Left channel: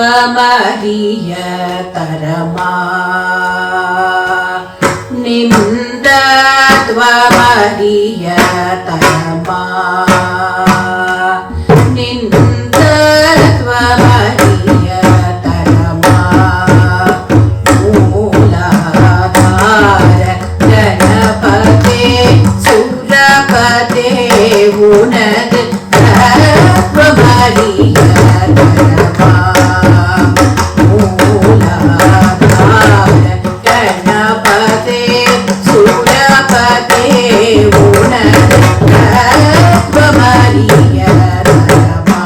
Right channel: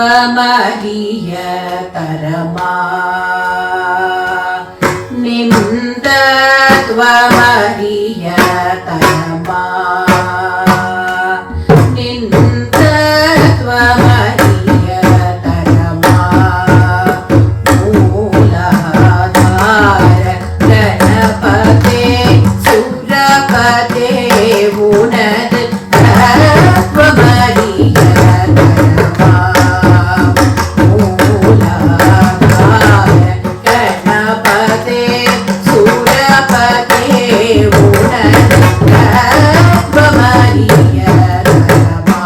தத்துவமறிய தரமா நிந்தத்வமறிய தரமா நிந்தத்வமறிய தரமா மூலாதார கணபதே சுரபதே உனது தத்துவமறிய தரமா மூலாதார கணபதே சுரபதே உனது தத்துவமறிய தரமா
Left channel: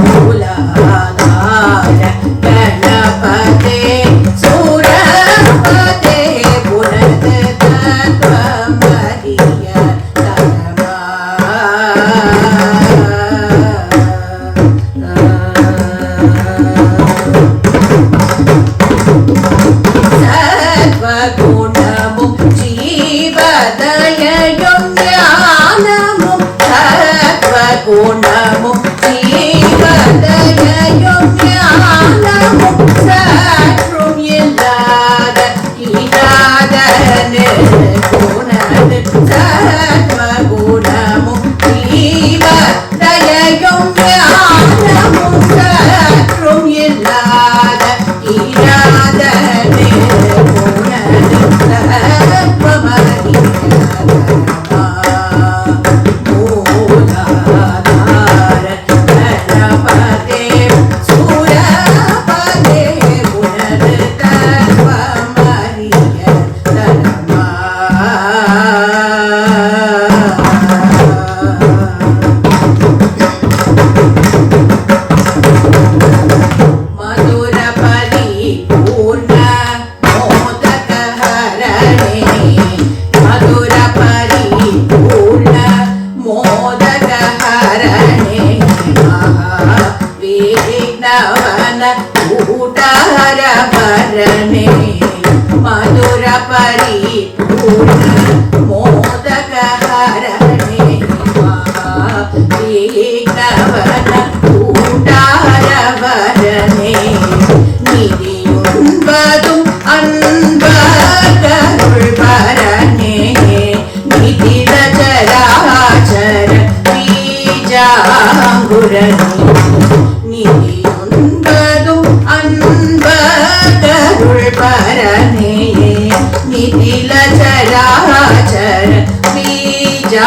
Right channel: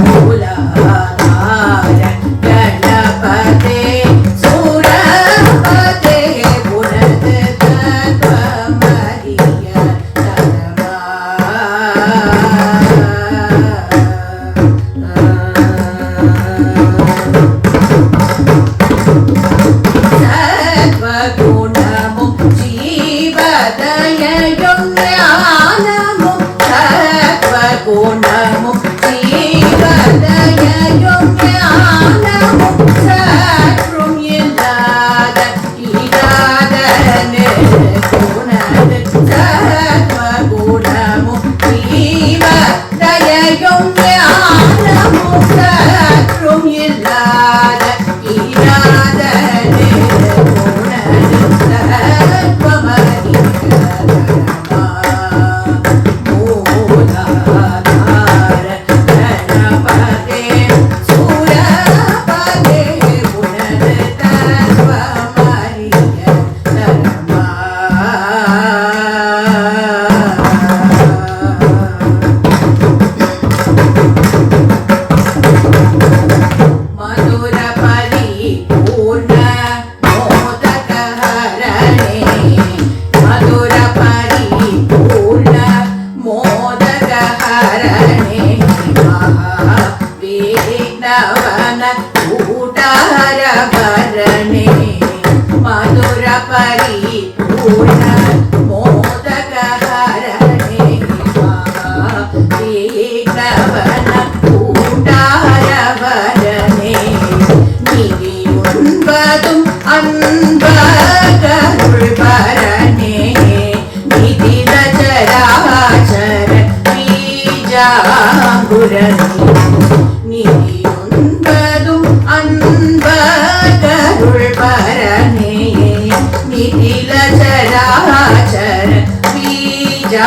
மூலாதார கணபதே சுரபதே உனது தத்துவமறிய தரமா சத்வகுணமும் ஜீவதயயும் ஞானமும் சத்வகுணமும் ஜீவதயயும் ஞானமும் சற்றும் இல்லாத இராதனு குணது சத்வகுணமும் ஜீவதயயும் ஞானமும் சற்றும் இல்லாத இராதனு குணது தத்துவமறிய தரமா மூலாதார கணபதே சுரபதே உனது தத்துவமறிய தரமா மதுர பரிபூர்ண மோதகஹரணே மதுர பரிபூர்ண மோதகஹரணே மகாவிக்னவன கூட்டஹரவரணே மதுர பரிபூர்ண மோதகஹரணே மகாவிக்னவன கூட்டஹரவரணே நிதியுண்பதும் அன்பருள் பரணே நிதிர சராச்சர பீஜாங்குரணே நிதியுண்பதும் அன்பருள் பரணே நிதில சராச்சர பீஜாங்குரணே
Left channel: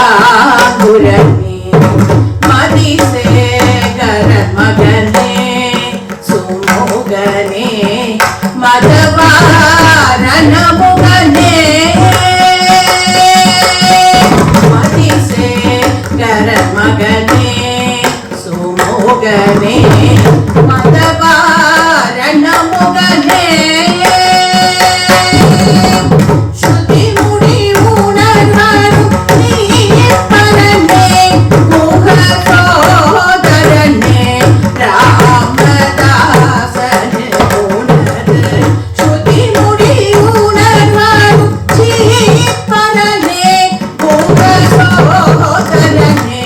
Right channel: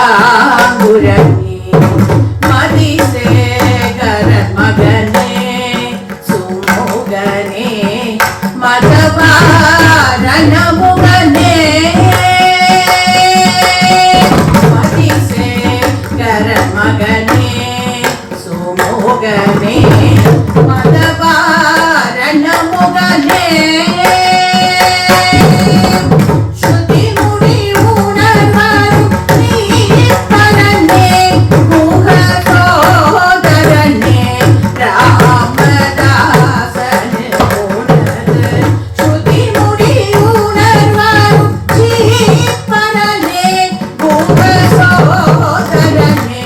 மதிசேகர மகனே சுமுகனே மதவாரண முகனே மதிசேகர மகனே சுமுகனே மதவாரண முகனே ஸ்ருதி முடி உணர்வரும் நீப்பரனே முக சோதரனே ராமதாசனே உனது ஸ்ருதி முடி உணர்வரும் நீப்பரனே முக சோதரனே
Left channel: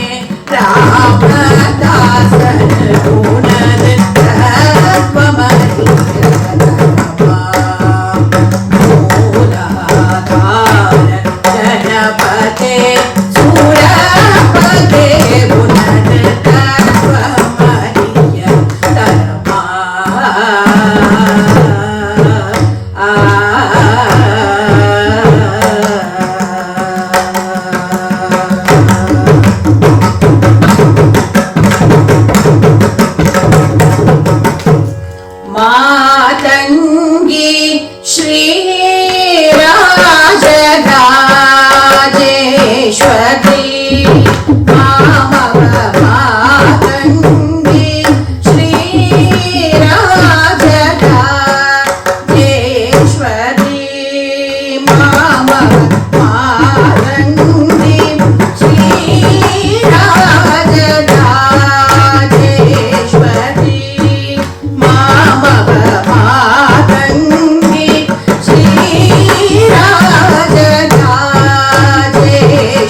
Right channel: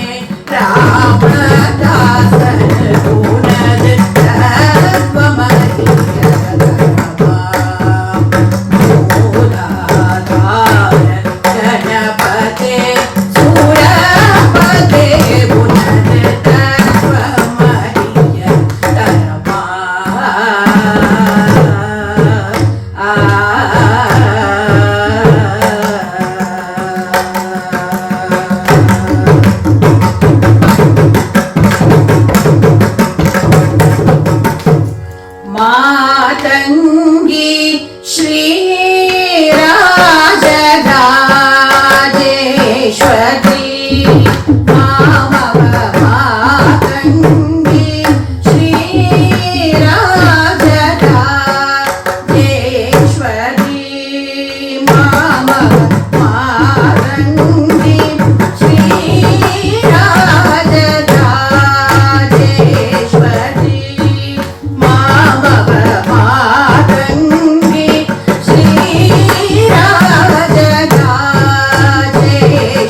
ராமதாசனே உனது தத்துவமறிய தரமா மூலாதார கணபதே சுரபதே உனது தத்துவமறிய தரமா மாதங்கி ஸ்ரீராஜராஜேஸ்வரி மாதங்கி ஸ்ரீராஜராஜேஸ்வரி மாதங்கி ஸ்ரீராஜராஜேஸ்வரி மாதங்கி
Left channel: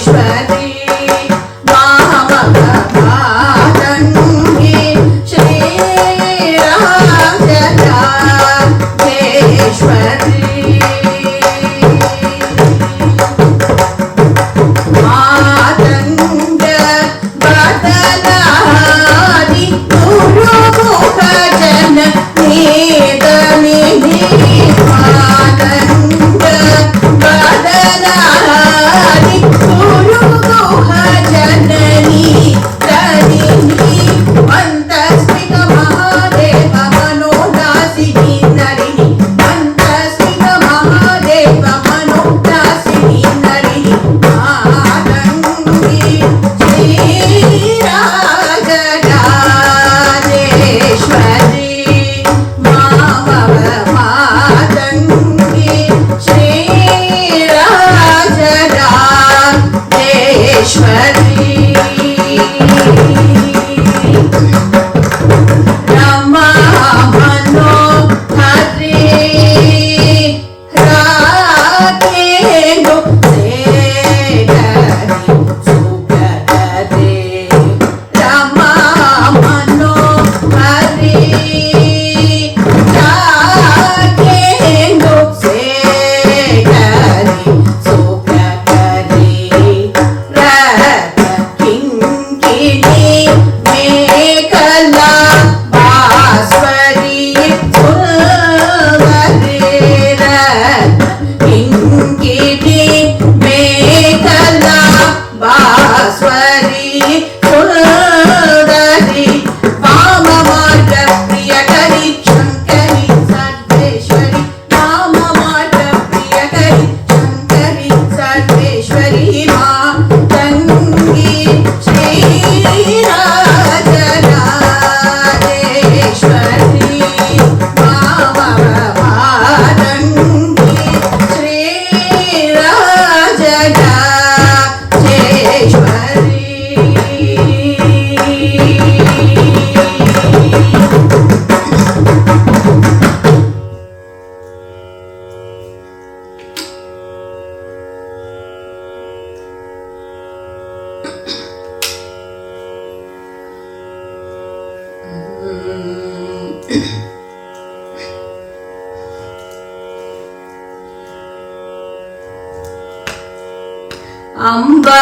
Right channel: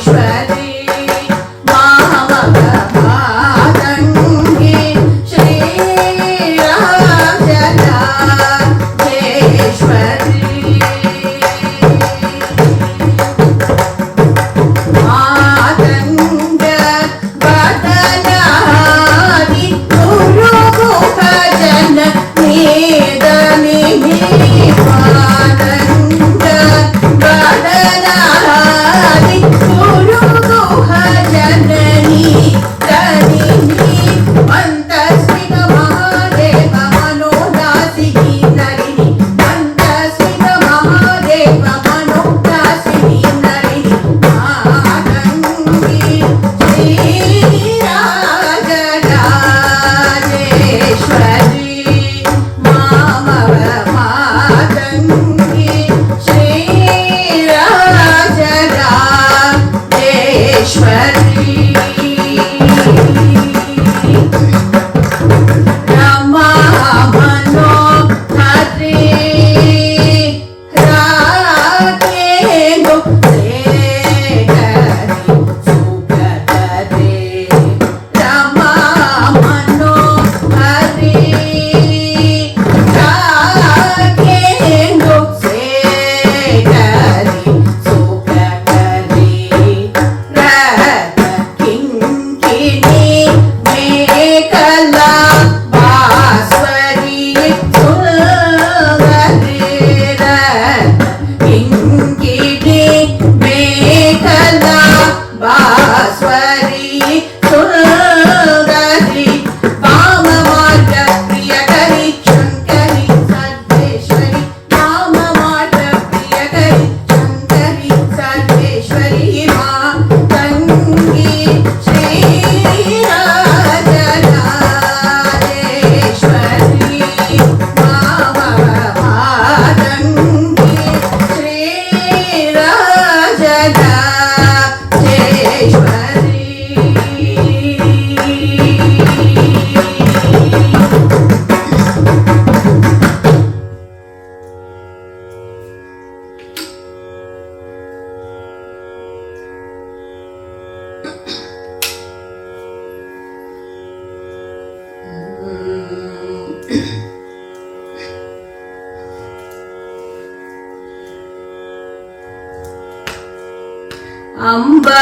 ஸ்ரீராஜராஜேஸ்வரி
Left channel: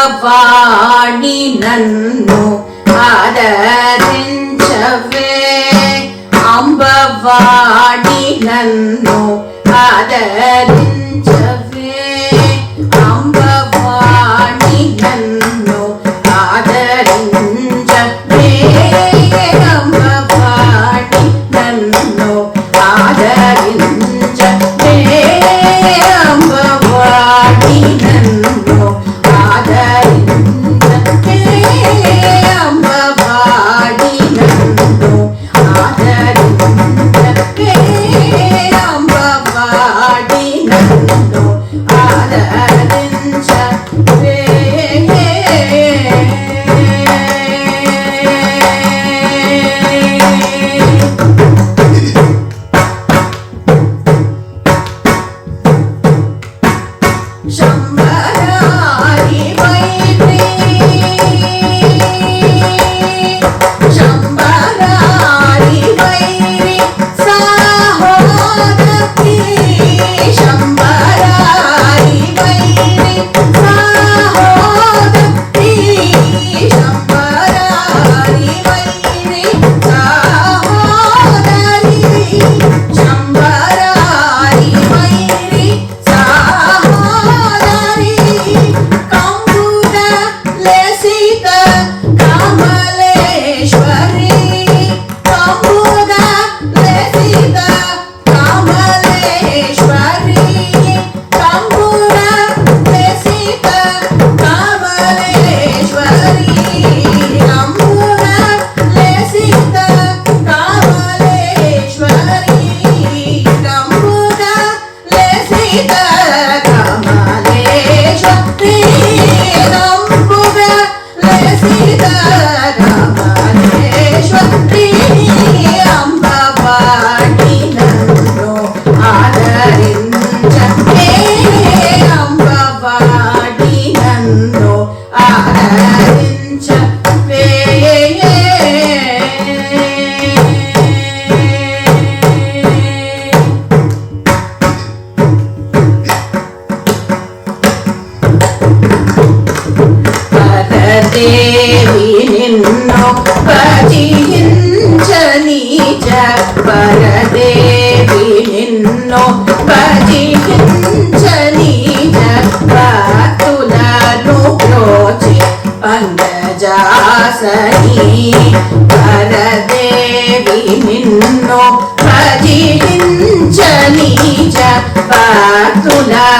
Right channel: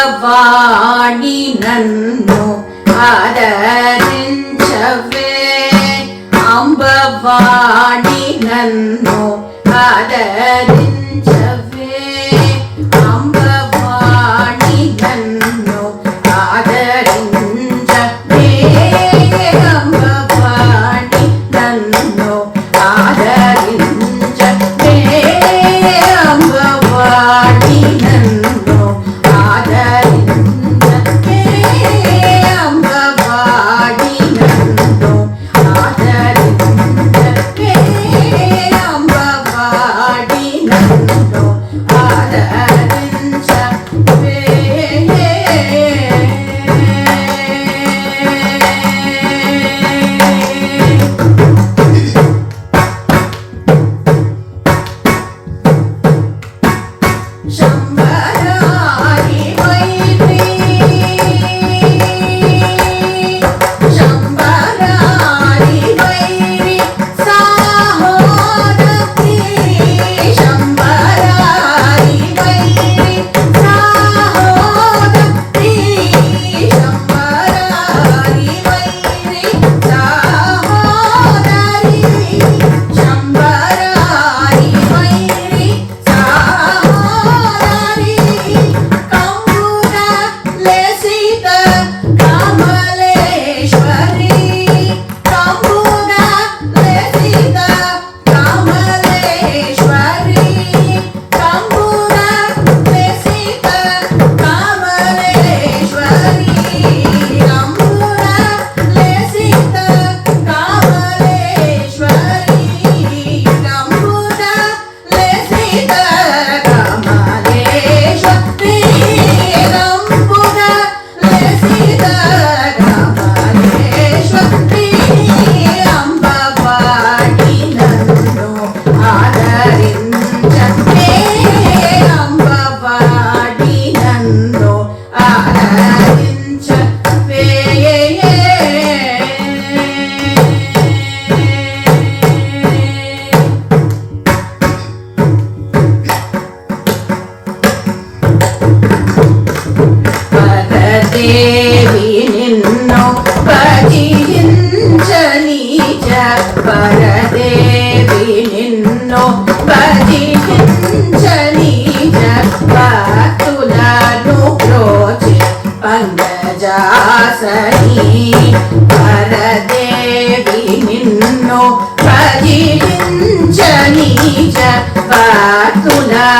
అంబవాణి నన్ను ఆదరించవే, అంబవాణి నన్ను ఆదరించవే, అంబవాణి నన్ను ఆదరించవే, అంబవాణి నన్ను ఆదరించవే, అంబవాణి నన్ను అంబవాణి నన్ను ఆదరించవే, అంబ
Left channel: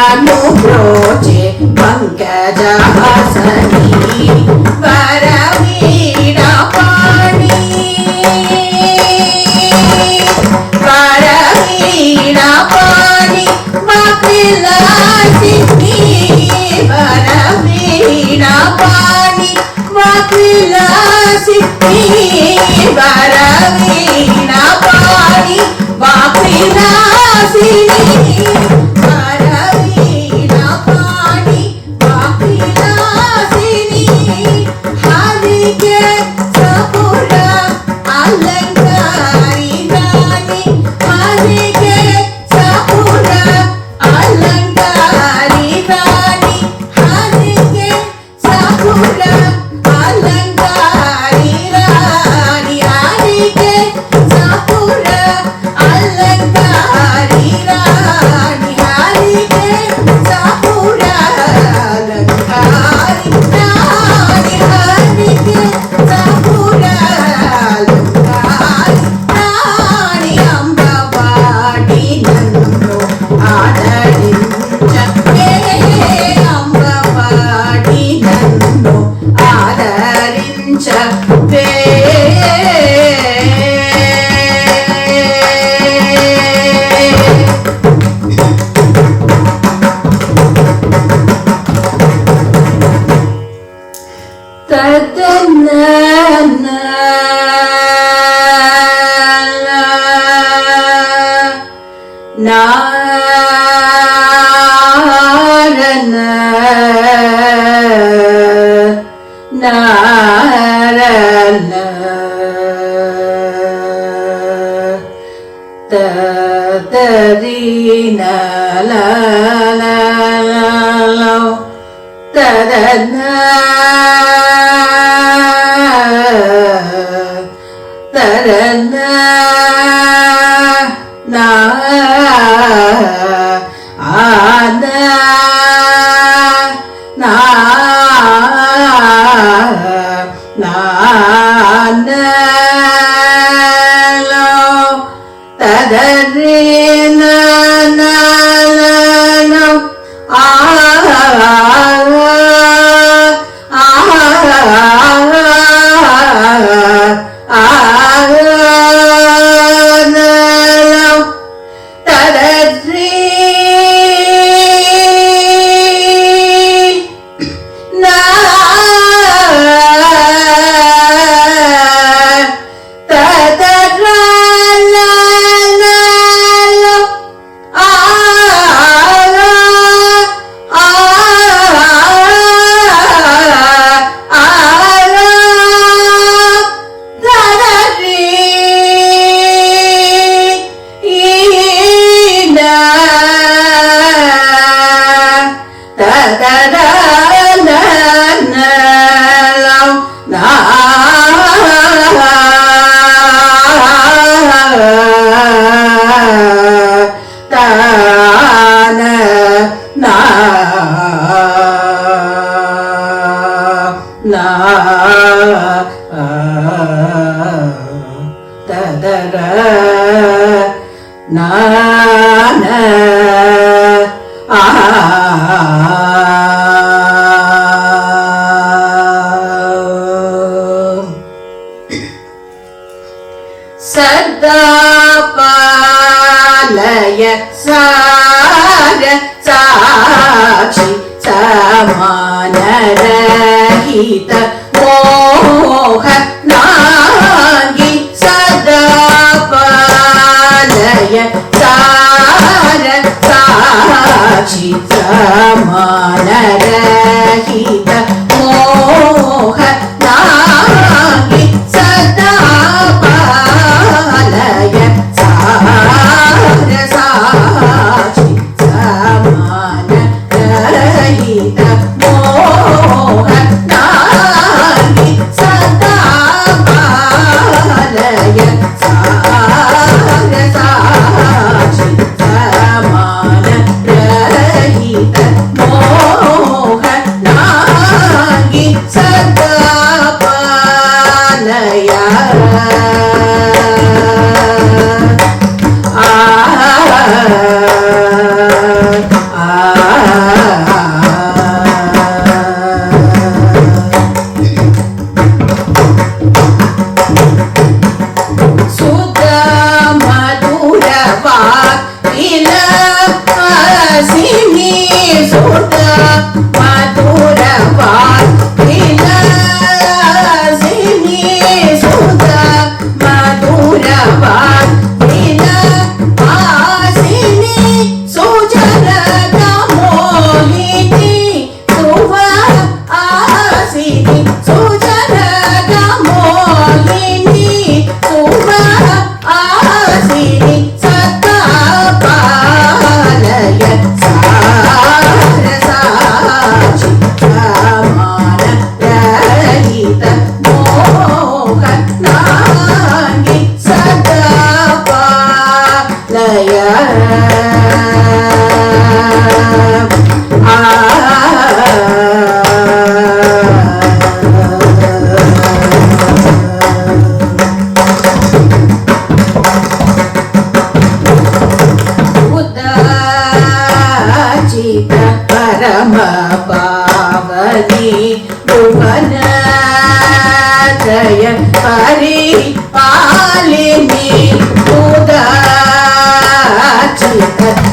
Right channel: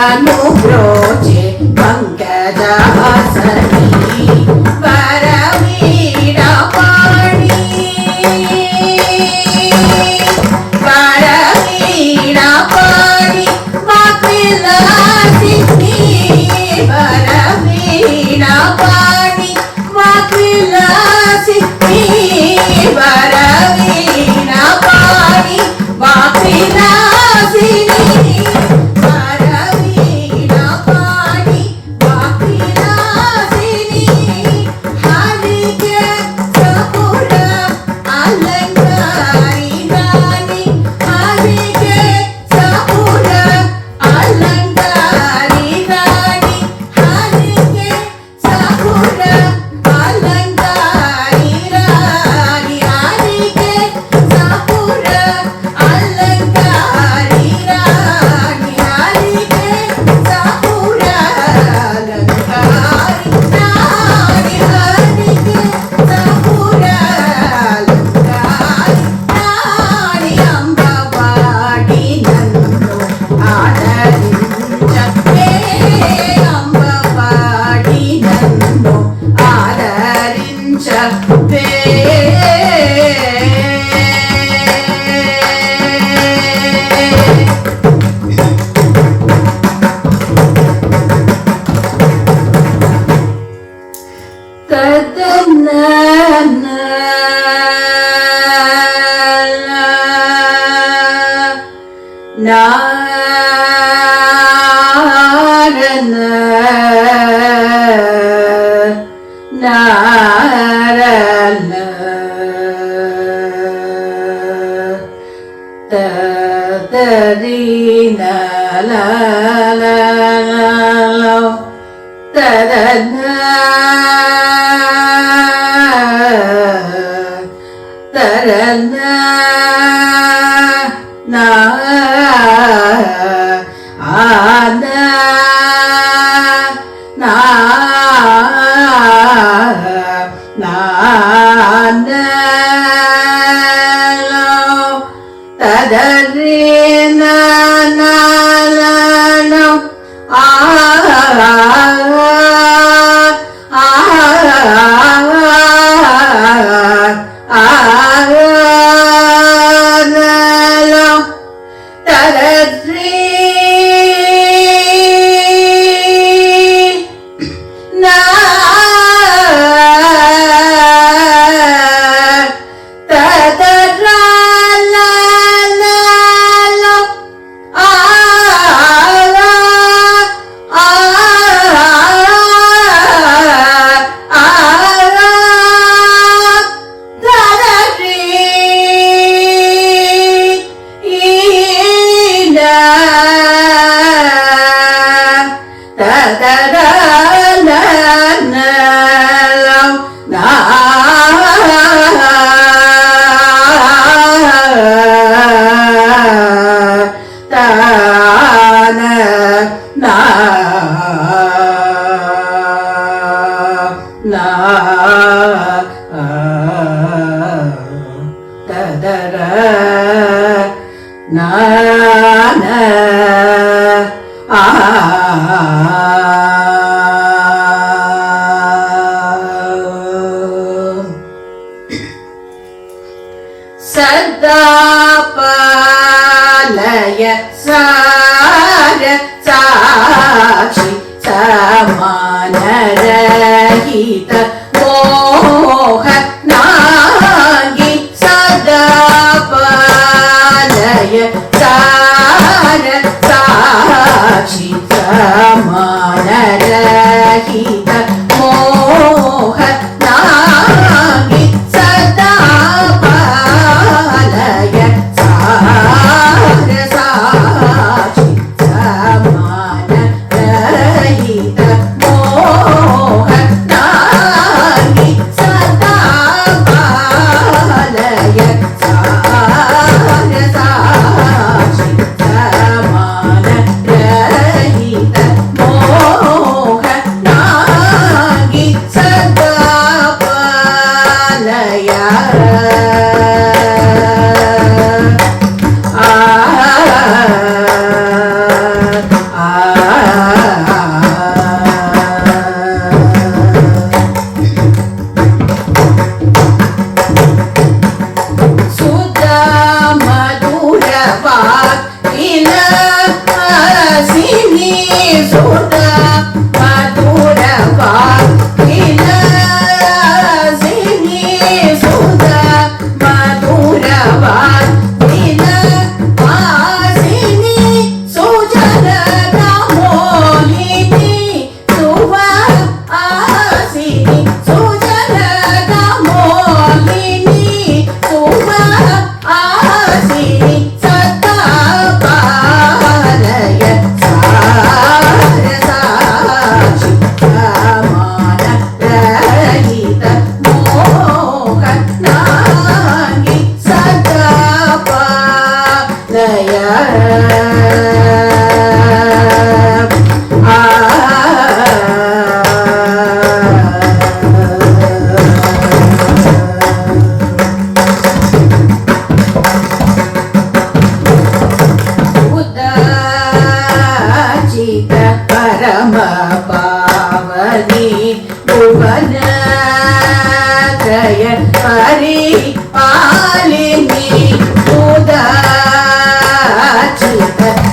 अनुब्रोचे पंकजासनी वरवीणा पाणी वरवीणा पाणी वाकविलासिनी वरवीणा पाणी वाकविलासिनी वरवीणा पाणी वाकविलासिनी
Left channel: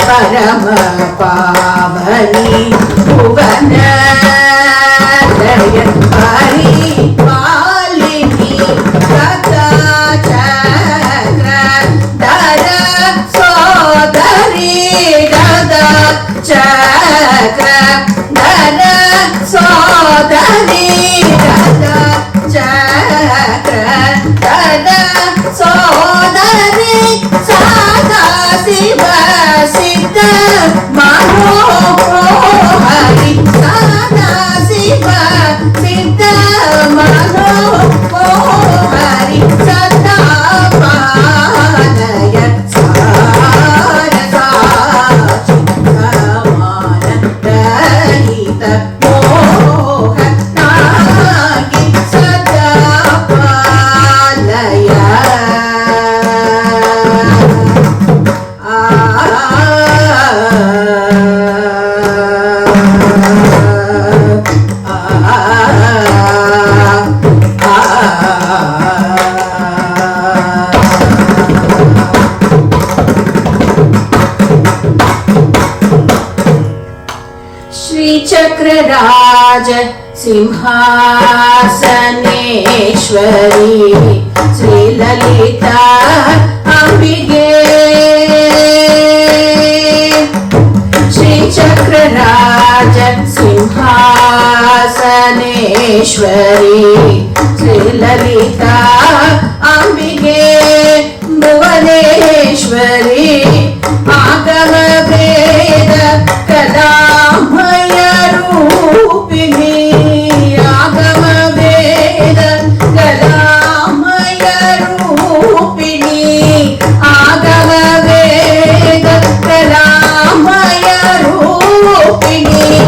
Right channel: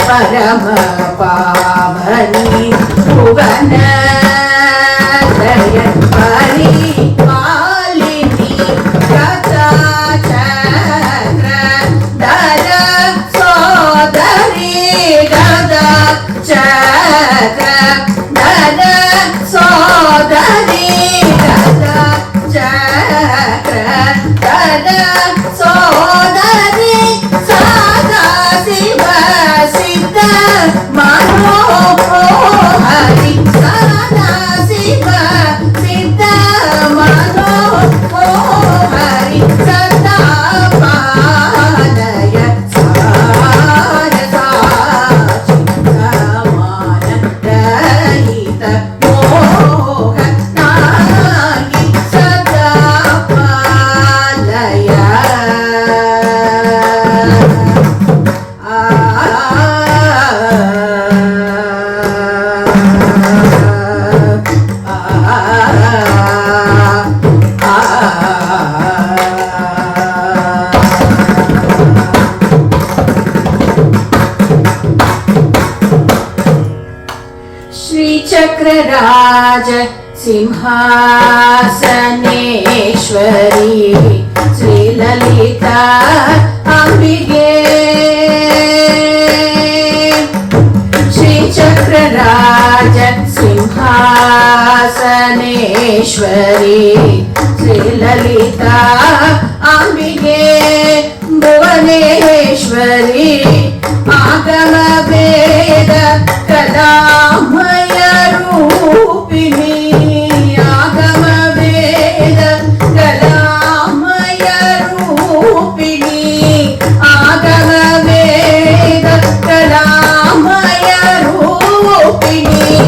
परम पावनी भुवन जय परिपालिनी कथा चक्र धर सोदरी गदा चक्र धर सोदरी गदा चक्र धर सोदरी सदा शिव मनोहरि सदा शिव सिद्ध मनोहरि सदा पालय सारसाचितमान रहित मोहनागि सदा पालय चक्रराज सिंहासनेश्वरी श्रीललिता अंबिके श्री चक्रराज सिंहासनेश्वरी श्रीललिता अंबिके भुवनेश्वरी आगम वेद कलामय रूपिणी आगम वेद कलामय रूपिणी आगम वेद कलामय रूपिणी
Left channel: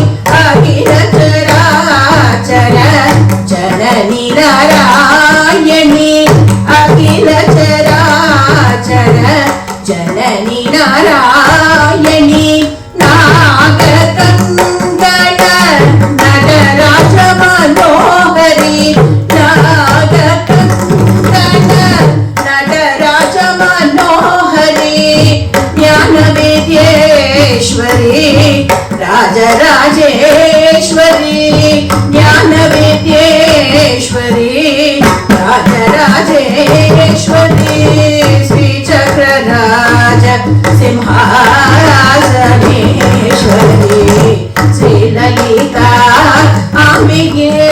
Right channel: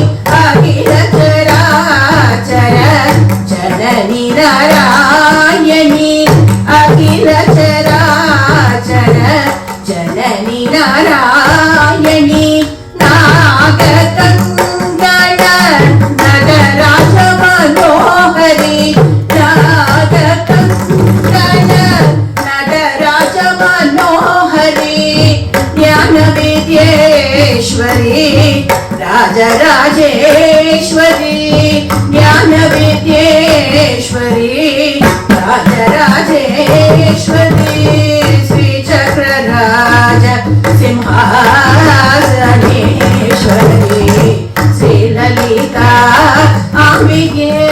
अखिल चराचर जननी नारायणी अखिल चराचर जननी नारायणी राजराजेश्वरी ज्ञानविद्येश्वरी राजराजेश्वरी श्री चक्रराज सिंहासनेश्वरी श्रीललिता अंबिके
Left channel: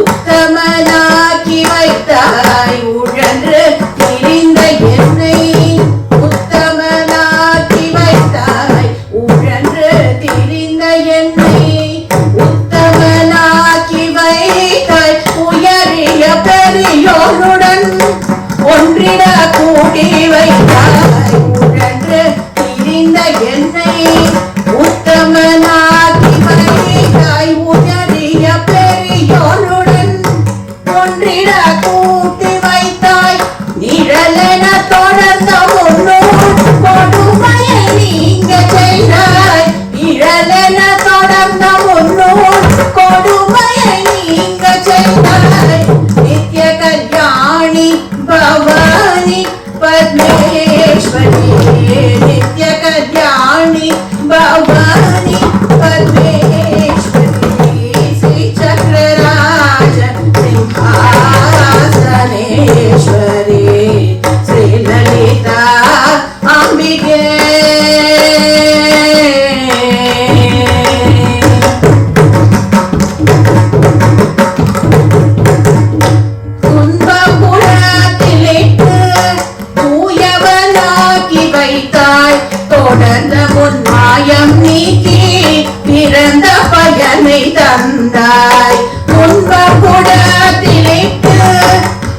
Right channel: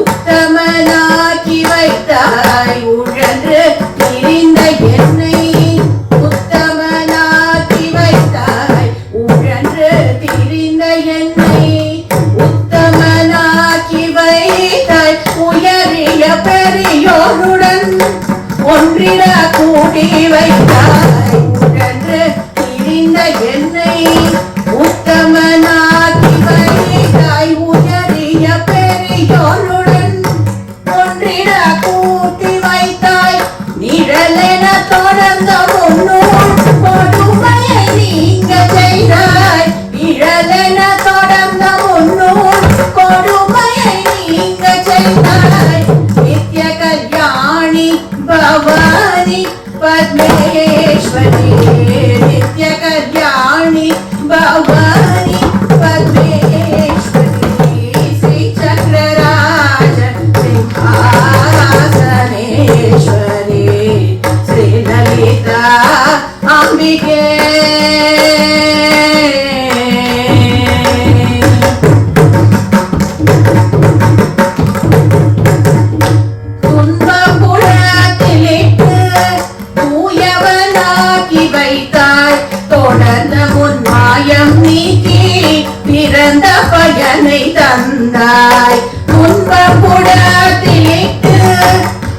உத்தமனாக்கி வைத்தாய் உயரிய பெரியோருடன் पद्मेश्वरी नित्य कल्याणी भवानी पद्मेश्वरी श्री चक्रराज सिंहासनेश्वरी श्री ललिता अंबिके தந்தாய் துன்பகுடத்திலிட்டு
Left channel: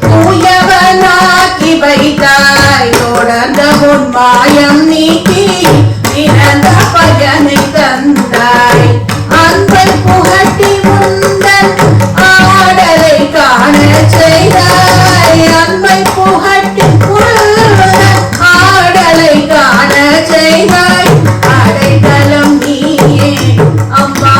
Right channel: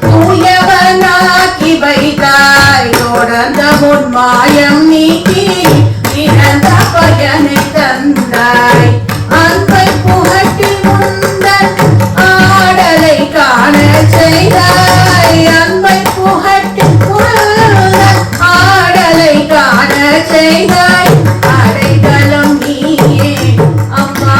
தூயவனாக்கி வைத்தாய் தொடர்ந்த முன்மாயம் நீக்கி பிறந்த பயனை தந்தாய் அன்பை புகட்டி முந்தன் ஆடலை காண செய்தாய் அன்பை புகட்டி முந்தன் ஆடலை காண செய்தாய் அடைக்கலம் நீயே அம்மா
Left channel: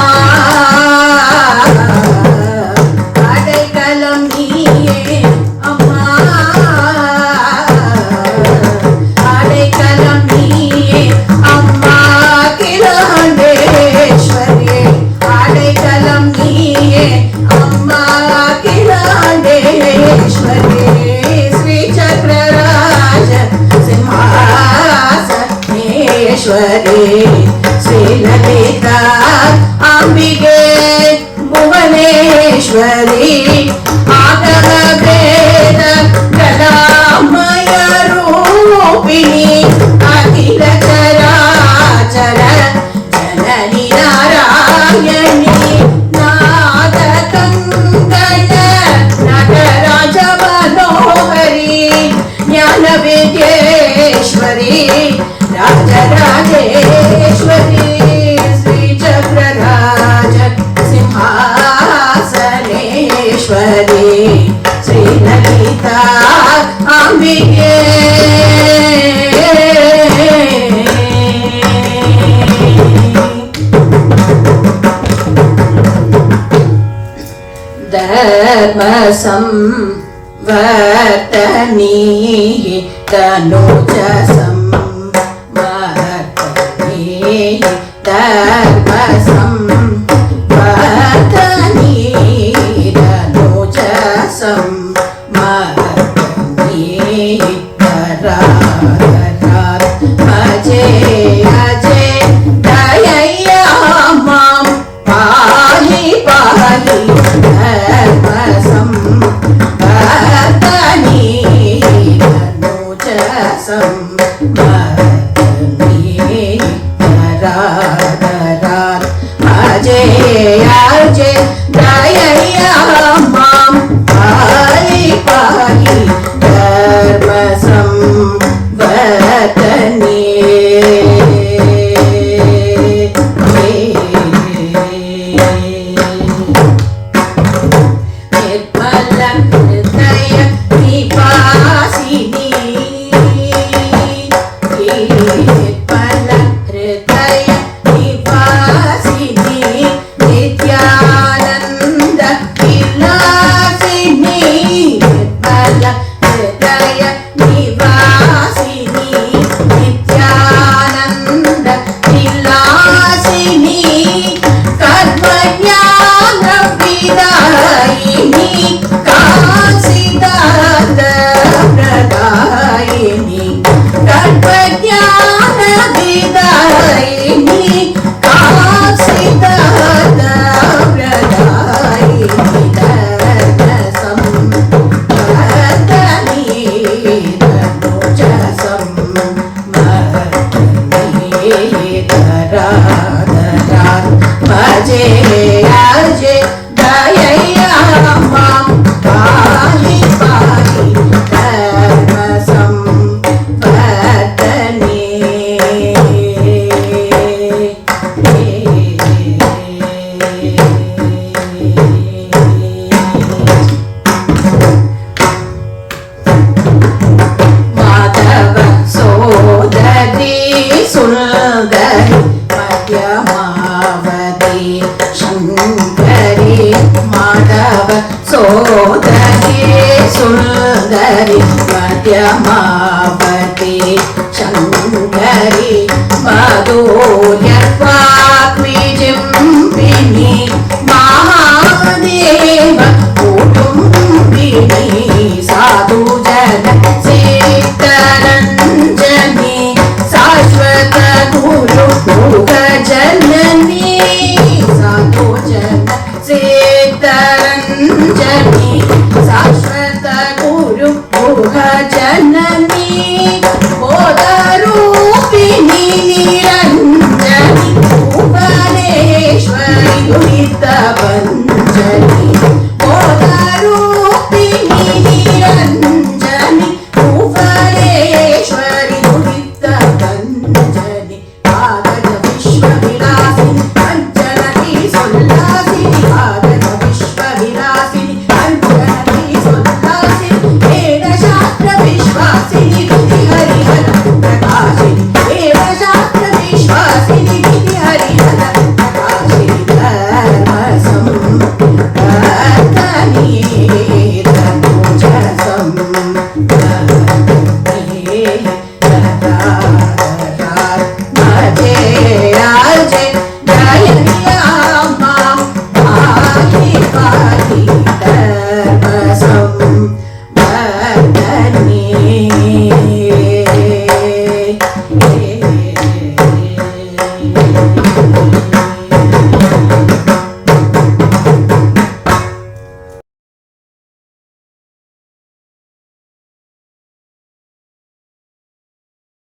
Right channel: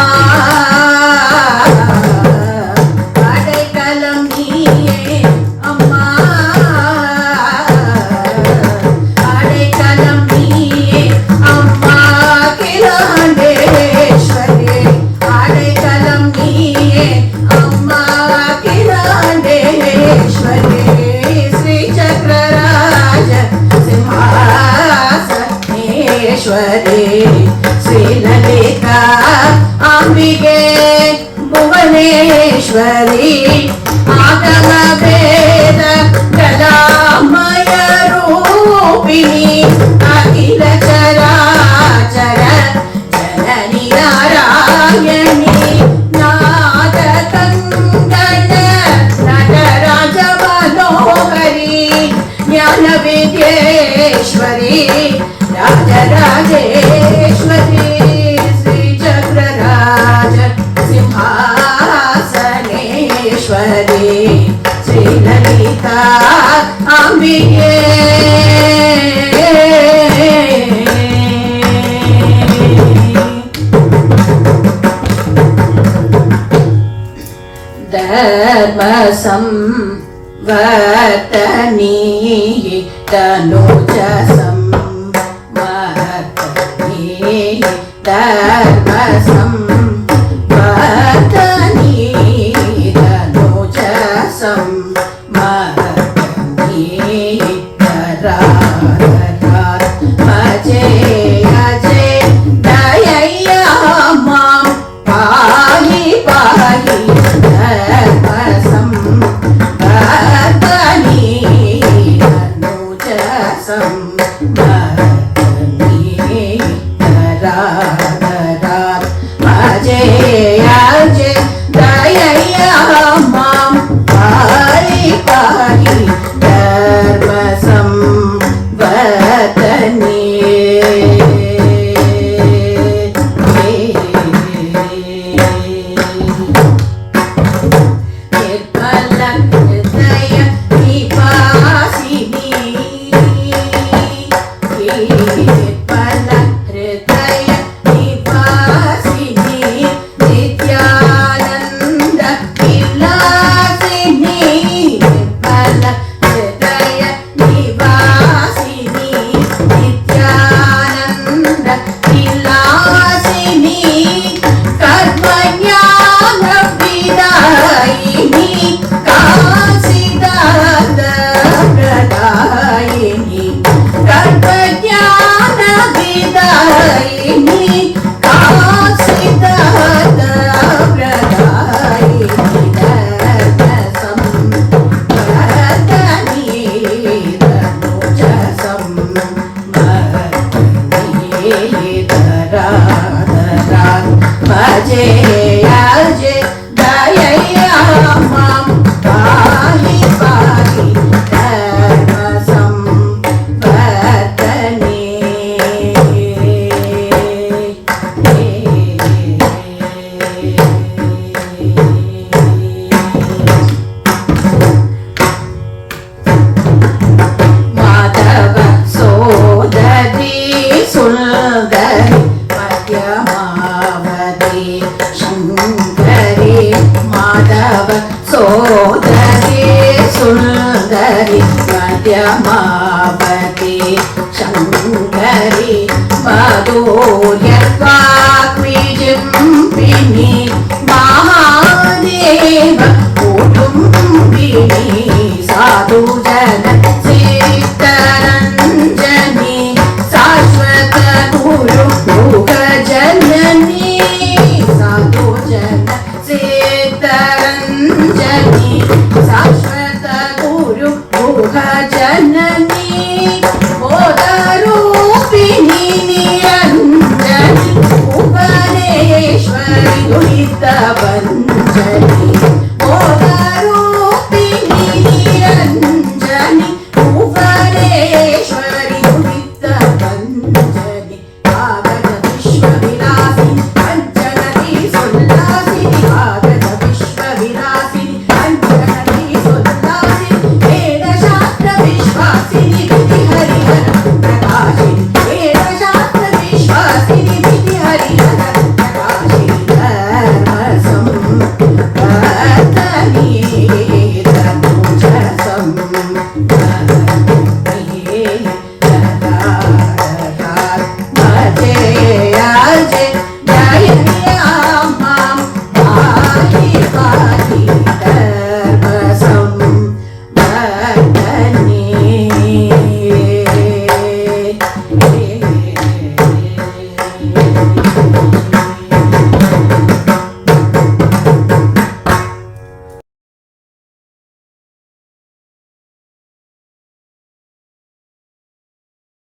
श्री ललिता अंबिके भुवनेश्वरी आगम वेद कलामय रूपिणी अखिल चराचर जननी नारायणी नाद कंगन नटराज मनोहरी ज्ञान विद्येश्वरी राजराजेश्वरी श्री चक्रराज सिंहासनेश्वरी श्री ललिता अंबिके धर्म संवर्तनी तनुज धर्म संवर्तनी तनुज संवर्तनी अजय अजय दयैया मां पाहि पाहि धर्म संवर्तनी तनुज संवर्तनी సుందరి మధ్యమావతి శంకరి మధుర్యత్వాగ్నిజింపిని